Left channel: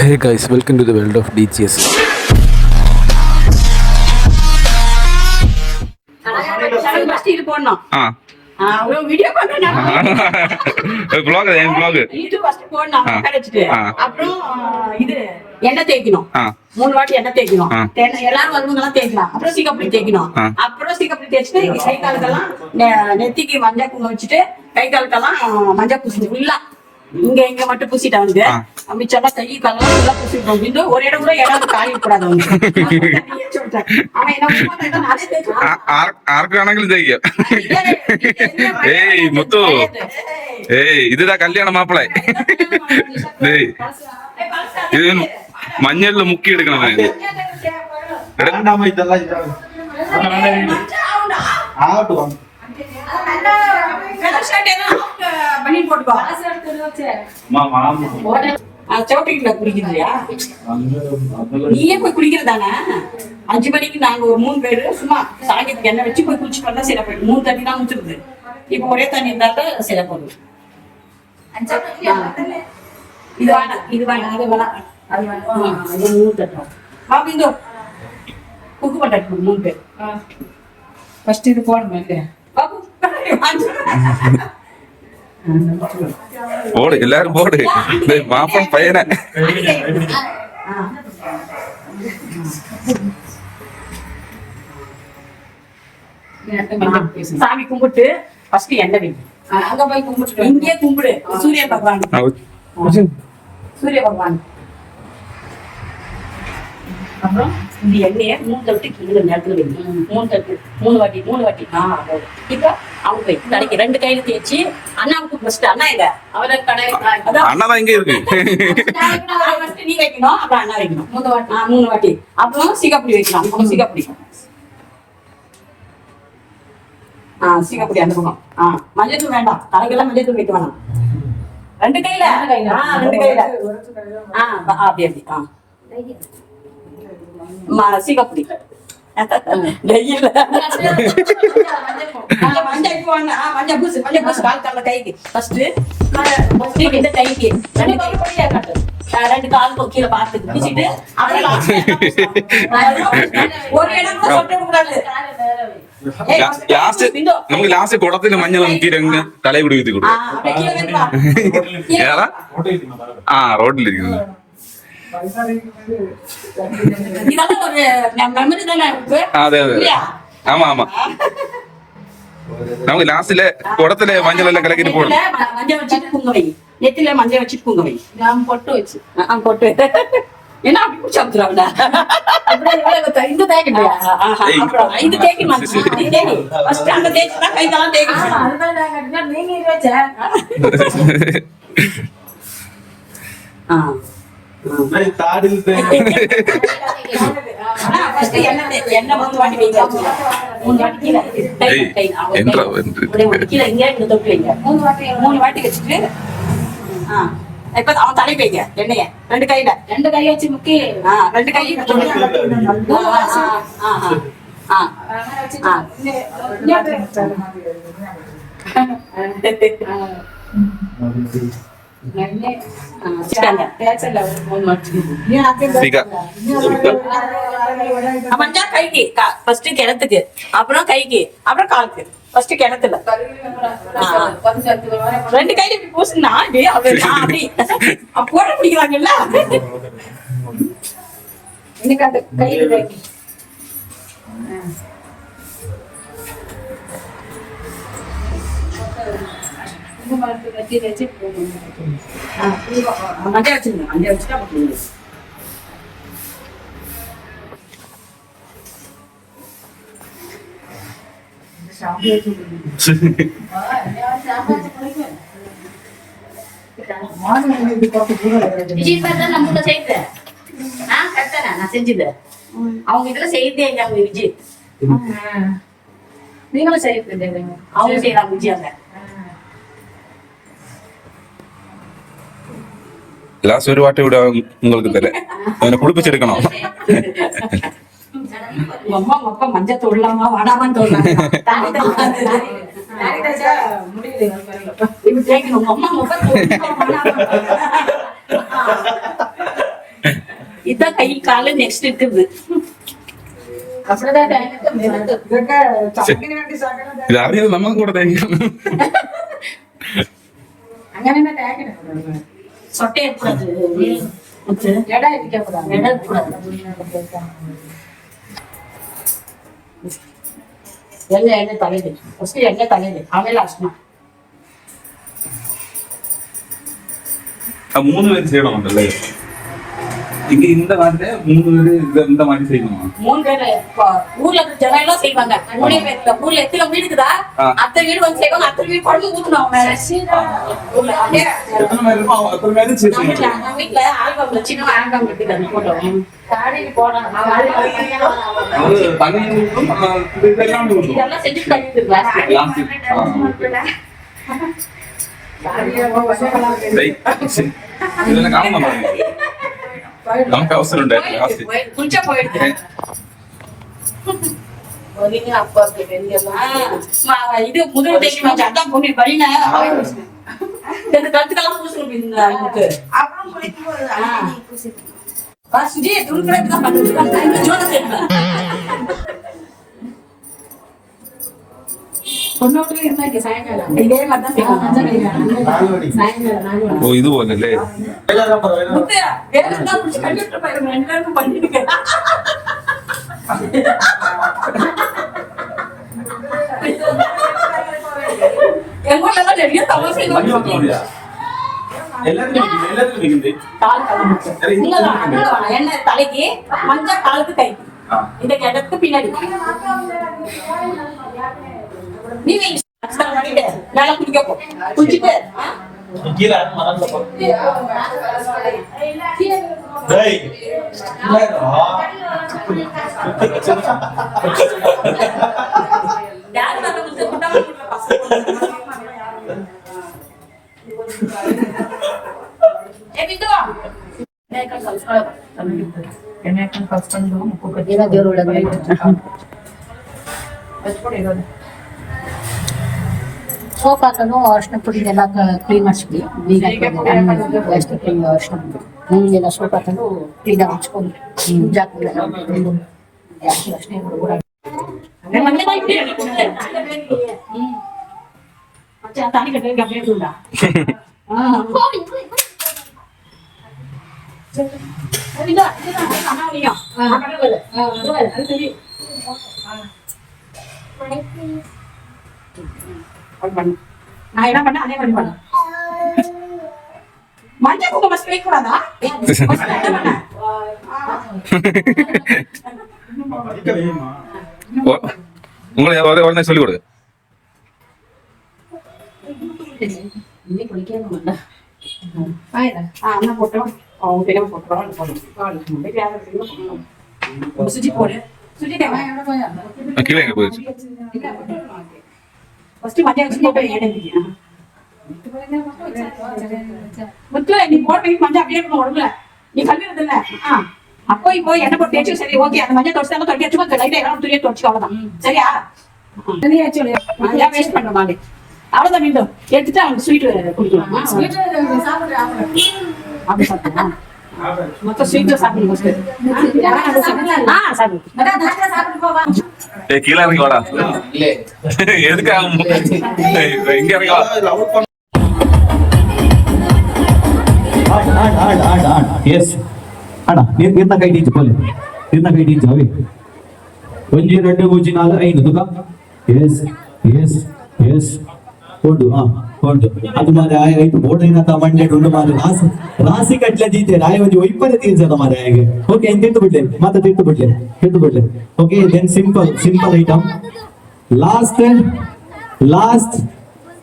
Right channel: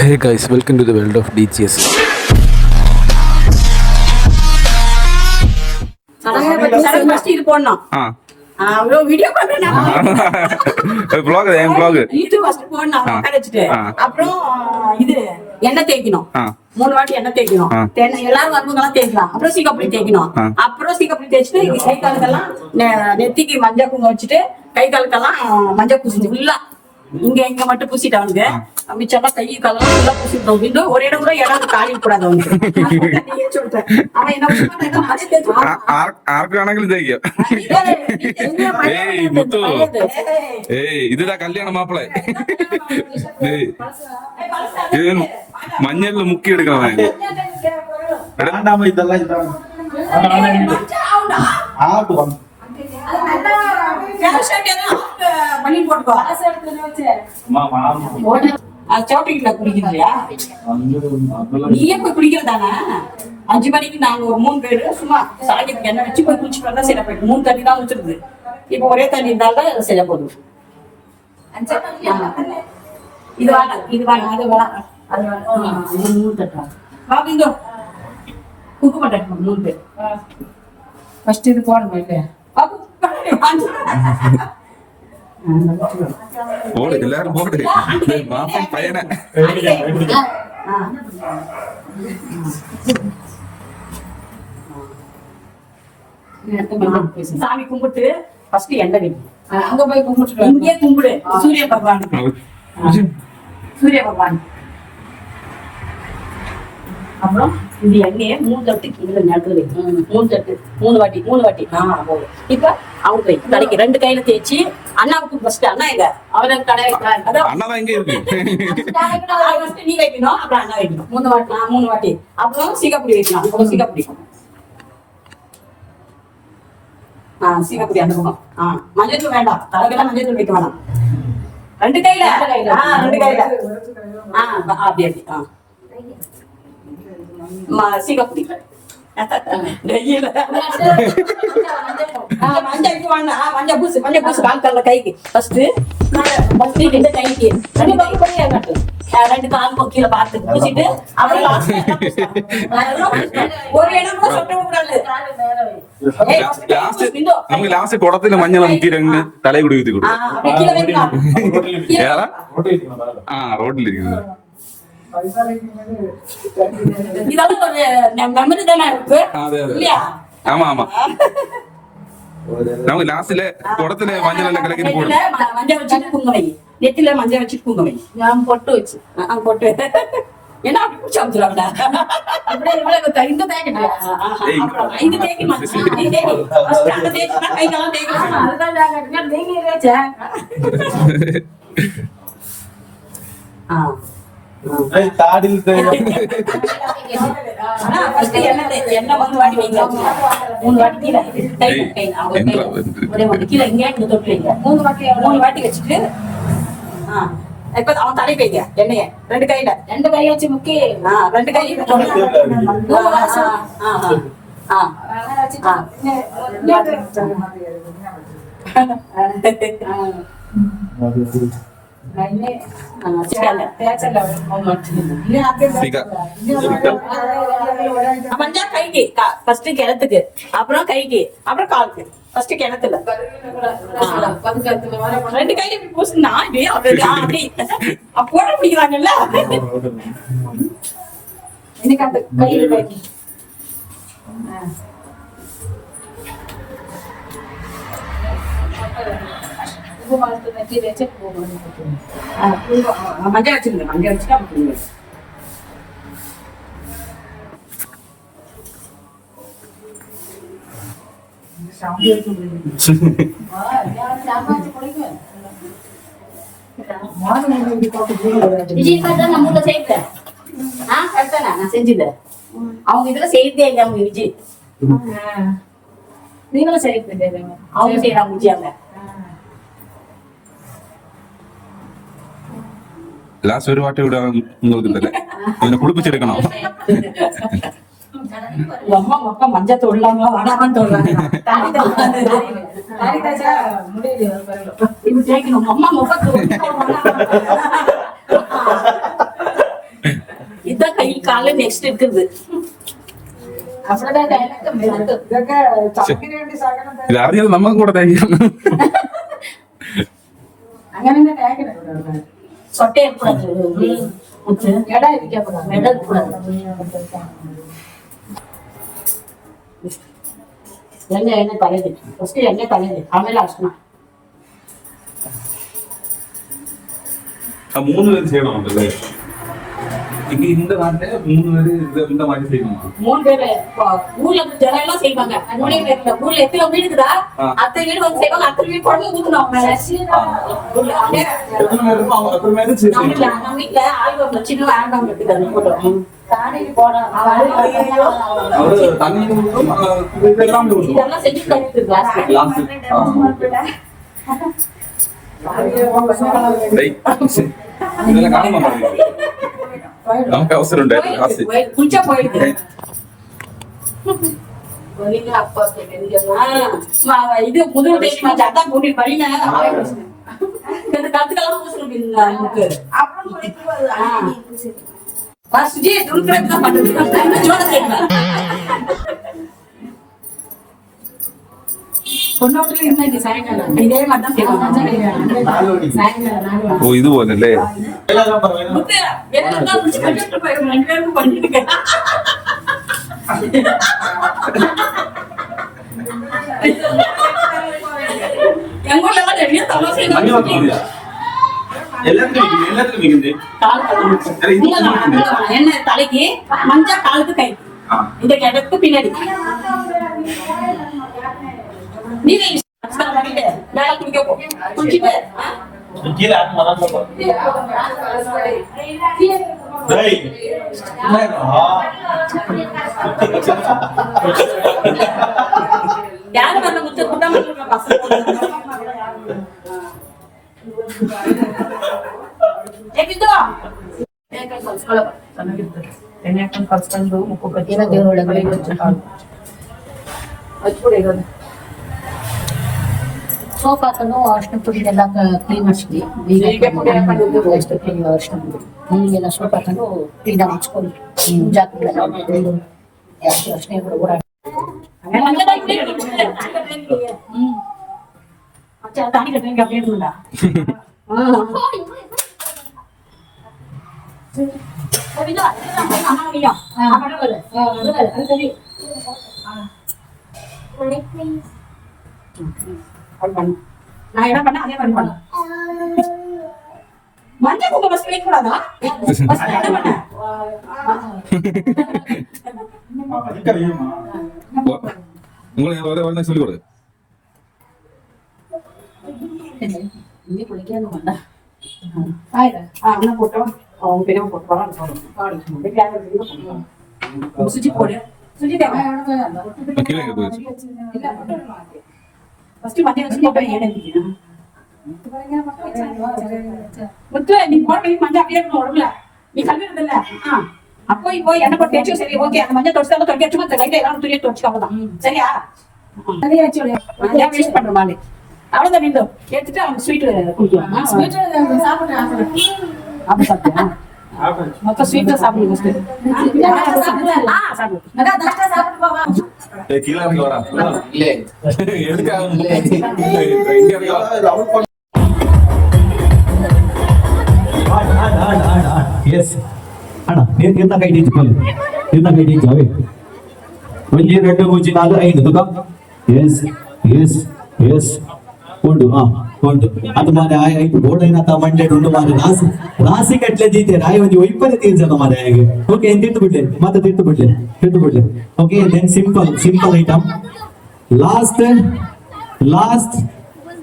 Hey guys, welcome to the world of DCS. இது போடணும். Video பண்ணணும். vlog ஏன் vlog யூடியூப் ஃபர்ஸ்ட் போடணும். உட்கார வச்சிட்டு அப்புறம் இது எண்ணெய் தேய்க்கணும். 3 வாட்டி எண்ணெய் தேய்க்கணும். எல்லாரும் வருவங்கலாம் தேய்க்கலாம். அப்புறம் சீக்காப்புளி தேய்க்கணும். அப்புறம் சீக்காப்புளி தேய்ச்சிட்டு கை காலுக்கெல்லாம் நெத்திக்கு மஞ்சள் குங்குமம் வச்சுட்டு கை காலுக்கெல்லாம் மஞ்சள் பூசிட்டு ஃபுல்லா இங்க மட்டும் பூசிட்டு அவனுக்கு மிச்சமா கை காலெல்லாம் ஃபுல்லா பூசிட்டோம். இன்னும் ஒரு இடம் கூட இடம் காலி கூடாது அவனுக்கு. அவன் என்ன பண்ணுவான் அதே தேய்ச்சான். ஆர்க்கானங்களும் தேய்க்க. ஏய் முத்து, ஏய் இதுதான் கல்யாண மாப்பிள்ளை. ஏய் இது மஞ்சள்ல முக்கி எடுக்கணும். நீயே போய் குடிக்கிறதானே 5 மணிக்கு நாங்க ஒரு 3 பேரு சும்மா சாயத்துக்கு எண்ணெய் வச்சு போய் குளிச்சுட்டு வந்தா சரியா போயிடும். 3 தண்ணி தான் ஊத்துருது. இப்ப ஒரே தண்ணி இருந்தாலும் சரியா போகுது. இது வேணாம் அது வேணாம் அது வேணாம். 3 தட்டம் அப்படிங்க குக்கு பண்ண 3 பேர் ஃபர்ஸ்ட் இது போடணும் இல்லையா போடு எல்லாரும் போடு. மாப்பன் பையனை சாமி கும்பிட்டு ஃபர்ஸ்ட் எண்ணெய் வைக்கும். அங்க போய் கும்பிட்டு இங்கே கும்பிடு சூரிய பகவான். அப்புறம் இந்த எண்ணெயை 3 தட்டு கீழே நேரத்துல வைக்கணும். 3 தட்டு 3 வாட்டி போதும். இப்ப அவங்க போய் தலைக்கு 2 கையில தேய்ச்சி அண்ணாவுக்கு ஃபர்ஸ்ட் அண்ணா எங்க அவன் கடை அண்ணாதான் இங்க இருக்கு. நீ வைக்கணும் அப்புறம் அண்ணா வைக்கணும் 3 வாட்டி. அப்புறம் சீக்காப்புளி வைக்கலாம். அப்புறம் சீக்காப்புளி சீக்காப்புளி அந்த பக்கம். மஞ்சள் தூள் வேண்டாம். தலைக்கெல்லாம் மஞ்சள் தூள் வைக்க வேண்டாம். 2 கையில 2 கையில அப்படி சீக்காப்புளி மஞ்சள் பூசு கால் கால கைக்கு ஃபர்ஸ்ட் இந்த கைக்கு 2 கால் கீழே பார்த்து பூசிட்டு ஒரு இடம் கூட சொட்ட கூடாது. നമുക്ക് ലാസ്റ്റ് കുടത്തിന് മഞ്ഞൾ മുക്കിരങ്ങ് തലയിൽ കൂടി വീത്തി കൊടുക്കും. ആ റോഡിലിരിക്കുന്നത് അതെ അതെ ആമാ ആമാ നമുക്ക് ലാസ്റ്റിലെ കുടത്തിലെ മഞ്ഞളെല്ലാം കലക്കിട്ട് പോകണം. மஞ்சள் வச்சுட்டு குங்க வை. நெத்தில மஞ்சள் வச்சுட்டு குங்க வை. நான் பொட்டு வச்சு பொட்டு என்ன அப்படி குடிச்சு வந்துடுறாங்க. இந்த தேய்க்கணும். இந்த தேய்க்கணும். அங்க தேய்ச்சுனா கைதெல்லாம் தேய்க்கணும். அதுதான் நீங்க வச்ச தாடில் எண்ணெய் 3 வாட்டி வைங்க. 3 வாட்டி கீழே கீழே இங்கே தொட்டு வைங்க. 3 வாட்டி வச்சுட்டு இப்ப அவன் தலை வைங்க எண்ணெய 2 கையில 2 கை வச்சு முக்கி 2 கை கைக்கு ஃபர்ஸ்ட் கிணத்துக்கு அப்புறம் கைக்கு அப்புறம் காலுக்கு ஃபர்ஸ்ட் கிணத்துல 2 கையில இப்படி பூசுனா அப்படி போட பிடிக்கிறாங்கல்ல. இன்னைக்கு அந்த கையில மஞ்சள் வச்சிருங்க. மஞ்சள் வச்சுட்டா நான் செஞ்சது அவங்க இதுல செய்தே இல்லை. அவங்க விஜய் நீங்களும் செய்ய அவங்க செய்யறாங்க விஜயாங்க. ലാസ്റ്റ് ഒരു വാട്ടി ഇവിടെ നിങ്ങൾക്ക് തരാം. അതിനെ കുളിപ്പിച്ചെടുക്കണം. அம்மா அப்பா மஞ்சள் தொடலாமா வடாமான்னு தொடலாம். இப்படி தேய்க்கணும். அம்மா முப்பத்தி இதான் கை கால நெக்ஸ்ட் இருக்குது இது അറിയാതെ നമുക്ക് കൂടെ തേക്കണം. சொட்டை இருக்கக்கூடாது இடம் இருக்கக்கூடாது இடம் இருக்கக்கூடாது எண்ணெய் தலையிடு ஃபர்ஸ்ட் எண்ணெய் தலையிடு ஆಮೇಲೆ அர்ச்சனா മൂന്ന് പേര് ചെയ്യണമെന്നല്ലേ? இங்க இந்த மாதிரி 3 பேரு இந்த மாதிரி செய்யணுமா? 3 பேரு ஊர்ல இருக்க ஜனம் எல்லாம் செய்வாங்க. 3 பேர்ல ஊர்ல எத்தனை வீடு இருக்குதா? அத்தனை வீடு வந்து செய்வாங்க. அத்தனை வீடு குழம்பு ஊத்துனோம் அவங்க மேல. எத்தனை பேர் இருப்போம்? அவங்க எத்தனை பேரு செய்வாங்க? நம்ம வீட்டுல ஆல்பம்ல சின்ன ஆல்பம் இருக்குது அந்த போட்டோ. தாடிக்கு போடுறாங்க. அது தண்ணி ஊத்தும் இதெல்லாம் ஊத்தும். இதெல்லாம் செஞ்சு பண்ணிட்டு கிளாஸ். இதெல்லாம் காரணம் மாதிரி நமக்கு அவசரம் உண்டாயிருக்கு. குளிச்சா போயிடுது இது முதல் தேய்ச்சி அதான் பொண்ணு பழின கருத்துக்கெல்லாம் பூசணும் சுஜி துருக்கிறதுலாம் பண்ணுறது தொண்ணூற்றுல இருந்தா சாயங்காலம் இதே மாதிரி தான் செய்வாங்க. ஓ இது போலല്ലേ? பண்ணிட்டு எங்க ஊர்ல நிறைய தமாசை என்ன தலைக்கு மஞ்சள் காலுக்கு கை இந்த கிடக்கு பின்னாடி நீங்க பண்ணிட்டு வேலை குடிக்க போ குடிச்சிட்டு யாரு வந்து குடிச்சு கூட்டாம பசங்க ಸೋಪಾಕನ್ನು ಅರ್ಶಿನ ಪುಡಿ ಎಲ್ಲ ಕ್ಲೀನ್ ಮಾಡಿಸ್ಬಿಡಿ ಎಷ್ಟು ಕ್ಲೀನ್ ಅರ್ಶಿನ ಪುಡಿ ಎಲ್ಲ ಸೋಪ್ ಹಾಕೊಂಡು ಕ್ಲೀನಾಗಿ ಹಚ್ಕೊಂಡು ಜಾಗಗಳೆಲ್ಲ ಜಾಸ್ತಿ ಅರ್ಶಿನ ಕೂಡ நான் என்ன பண்ண அதே மாதிரி பண்ண மஞ்சள் குங்குமம் மஸ்ட் வைக்க கூடாதா உங்களை உடனே சொல்லி கொடுங்க. இன்னைக்கு குளிக்கணும் அண்ணா போட்டோம் அவங்க பெரிய போட்டு சுஜி போடு சுஜி கீழே எங்க போயிடுச்சு? ஃபர்ஸ்ட் மத்திய வச்சு போட்டு ஏடம்பியா முத்து நீ போட்டு மஞ்சள் அப்படியே உடம்புல நீ கல்விறது இல்ல அப்போ இப்போ என்ன போட்டு தேய்ச்சி சரி ஓகே அந்த மஞ்சள் தொடிச்சு தான் தொட்டி சும்மா லைட்டா எல்லாம் துணியை தொடிச்சு அவ்வளவுதான் சரியா ஏன் வேஸ்ட் பண்ற மாதிரி அவ்வளவுதான் மீண்டும் எடுத்துட்டு அவனுக்கு ஸ்வீட் குடிக்கலாம் அப்படி சாப்பிட்டியா மொத்தம் ஸ்வீட் சாப்பிடுங்க கீழே இறங்கி வாடா. எதுக்காக இங்க இறங்கி வா. Yes. Ana, निर्णय काही द्यायची बोल. निर्णय काही द्यायची हवे. म्हणजे रड्ड गोची नाग आहे ना तुका? Yes. Yes. Yes. Kondu Kondu आता मारे आय इथं बोर्ड आहे ना आता मंडे डोंडू मारे रासी कटल्या जिथे राय म्हणजे वैपर तीर्थ मारे आहे ओके तीर्थ बिडले okay then simple item last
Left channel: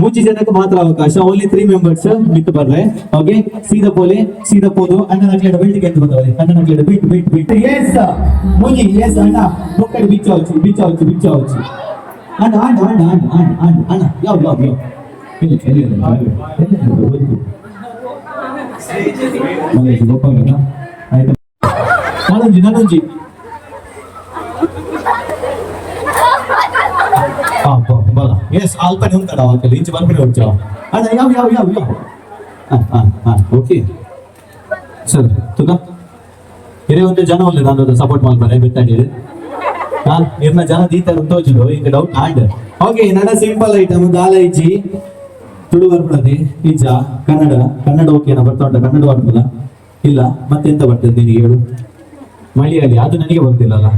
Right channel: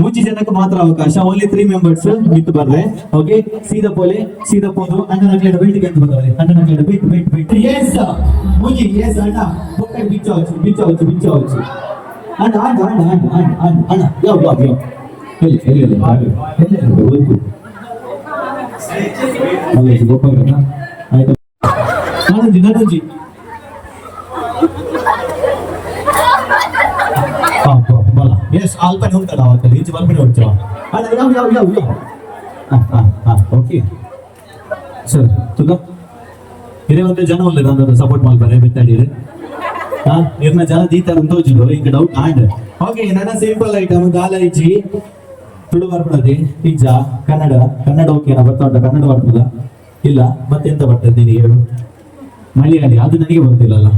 ಮೂಚಿ ಜನಕ್ಕೆ ಮಾತ್ರ ಅವಕಾಶ ಓನ್ಲಿ 3 ಮೆಂಬರ್ಸ್ ಬಿಟ್ಟು ಬರ್ರೆ ಓಕೆ ಸೀದಾ ಪೋದು ಅಣ್ಣ ನಕ್ಲೆಡ ಬೈಟಿಗೆ ಅಂತ ಬರ್ತಾರೆ ಅಣ್ಣ ನಕ್ಲೆಡ ಬಿಟ್ಟು ಎಸ್ ಮೂಜಿ ಎಸ್ ಅಣ್ಣ ಮುಕ್ಕಡಿ ಬಿಚ್ಚవచ్చు ಅಣ್ಣ love ನಡುಂಜಿ Yes, alpan yung tanaw. Kalinci man pinaucho. Yaw. Okay. Sir, tuga. ಬೇರೆ ಒಂದು ಜನ ಒಳ್ಳೆ ನಾನು ಸಪೋರ್ಟ್ ಮಾಡ್ತಾರೆ ಬಿತ್ತಾಡಿದ್ರೆ ಇರ್ನ ಜನ ದೀತಾರೆ ತೋಚಿದ್ರು ಈಗ ಡೌಟ್ ಆಂಡ್ ಓಕೆ ನನ್ನ ಸಿಂಪಲ್ ಐಟಮ್ ದಾಲ ಇಜ್ಜಿ ತುಳು ಬರ್ಪಡದೆ ಈಜ ಕನ್ನಡ ಕನ್ನಡ ಓಕೆನಾ ಬರ್ತಾ ಉಂಟ ಕನ್ನಡ ಬರ್ತದ ಇಲ್ಲ ಮತ್ತೆಂತ ಬರ್ತದೆ ನಿನಗೆ ಹೇಳು ಮಲಯಾಳಿ ಅದು ನನಗೆ ಬರ್ತಿಲ್ಲಲ್ಲ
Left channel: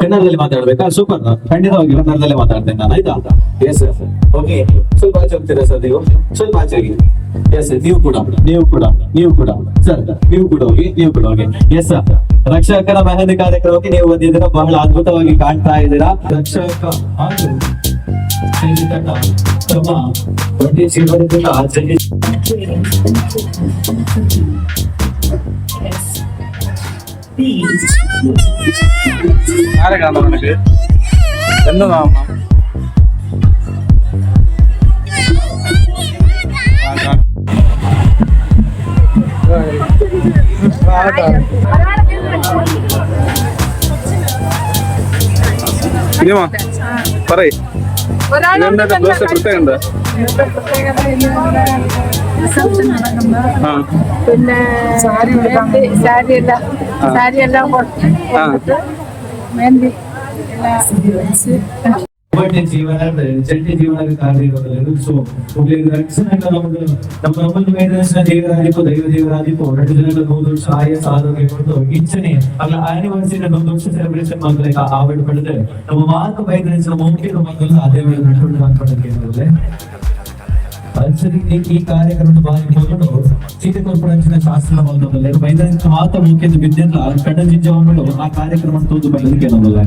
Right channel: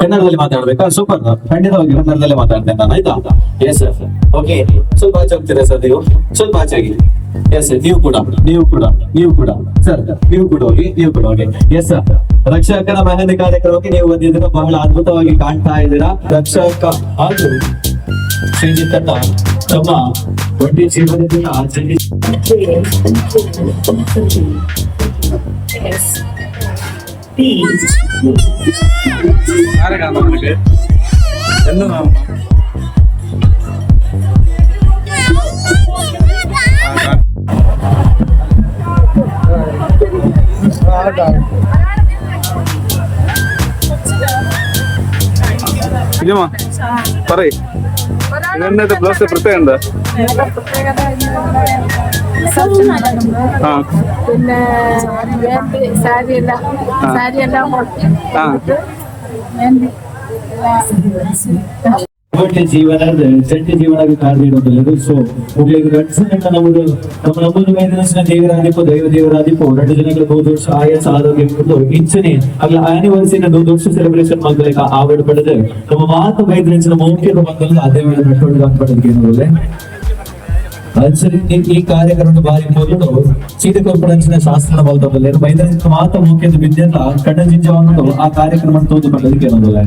ಕನ್ನಡದಲ್ಲಿ ಮಾತಾಡ್ಬೇಕಾ ಸೂಪರ್ ಖಂಡಿತವಾಗಿ ಕನ್ನಡದಲ್ಲೇ ಮಾತಾಡ್ತೇನೆ ನಾನು ಆಯ್ತಾ ಎಸ್ ಸರ್ ಓಕೆ ಸ್ವಲ್ಪ ಆಚೆ ಹೋಗ್ತೀರಾ ಸರ್ ನೀವು ಸ್ವಲ್ಪ ಆಚೆಗೆ ಎಸ್ ನೀವು ಕೂಡ ಸರ್ ನೀವು ಕೂಡ ಹೋಗಿ ಎಸ್ ಸರ್ ರಕ್ಷಕನ ಮೆಹಂದಿ ಕಾರ್ಯಕ್ರಮಕ್ಕೆ ನೀವು ಬಂದಿದ್ದೀರಾ ಬಹಳ ಅದ್ಭುತವಾಗಿ ಕಾಣ್ತಾ ಇದ್ದೀರಾ ರಕ್ಷಕ ಹಾಗೂ ಶ್ರೀಜಿತಣ್ಣ ತಮ್ಮ ಒಟ್ಟಿ ಜೀವನದಿಂದ ആരെ കാണാം നിനക്ക് എന്ന് കാണാം ഇനിമാ പറയ് ഇതെന്താ ബ്ലൗസ് പ്രത്യേകം എന്താ പ്രത്യേകത റിസപ്ഷൻ നടക്കുമ്പോ പിന്നെ സാരി എല്ലാം കൊടുത്തിട്ട് മെഹന്തി എല്ലാം ಒಟ್ಟಿನ ಜೀವನ ಜಂಟಿ ಜೀವನ ಕಾರ್ಯಕ್ರಮದಲ್ಲಿ ಸೊ ನಮ್ಮದು ನಮ್ಮನ್ನು ವೈದ್ಯನ ದೇವರಾದಿಪ್ಪು ದೈವ ದೇವರಾದಿಪ್ಪು 2 ದಿನಗಳ 3 ವರ್ಷ ಆಯಸ್ ಆರೋಗ್ಯ ಇಚ್ಛನೆ ಅಲ್ಲ ಆನಿವರ್ಸರಿ 1 ವರ್ಷ ಸೆಲೆಬ್ರೇಷನ್ ಮಾಡಬೇಕು ಆವಡ್ ಪಡೆದು ನಮ್ಮ ಮಾತು ವೈದ್ಯನ ಮುಖ್ಯ ಅದೇ ವೇಳೆ ನಡ್ಕೊಂಡು ಬಂದ್ಬಿಟ್ಟಿದ್ದೇವೆ ಈ ಕಾರ್ಯಕ್ರಮದ ಬಾರಿ ಮೊದಲು ಚೀಟಿಕೊಪ್ಪಡಂಚಿನ ಶಾಸ್ತ್ರ ಬಲ್ದಲ್ಲಿ ವೈದ್ಯನಿಕ ಮಾತು ಮುಖ್ಯದ ವಿದ್ಯಂತ ಕಟಂಜಿಂಜವನ್ನು ಆ ಕಾರ್ಯಕ್ರಮ ತೋದು ಬಂದದಕ್ಕೆ ಅನ್ನೋದಿಲ್ಲ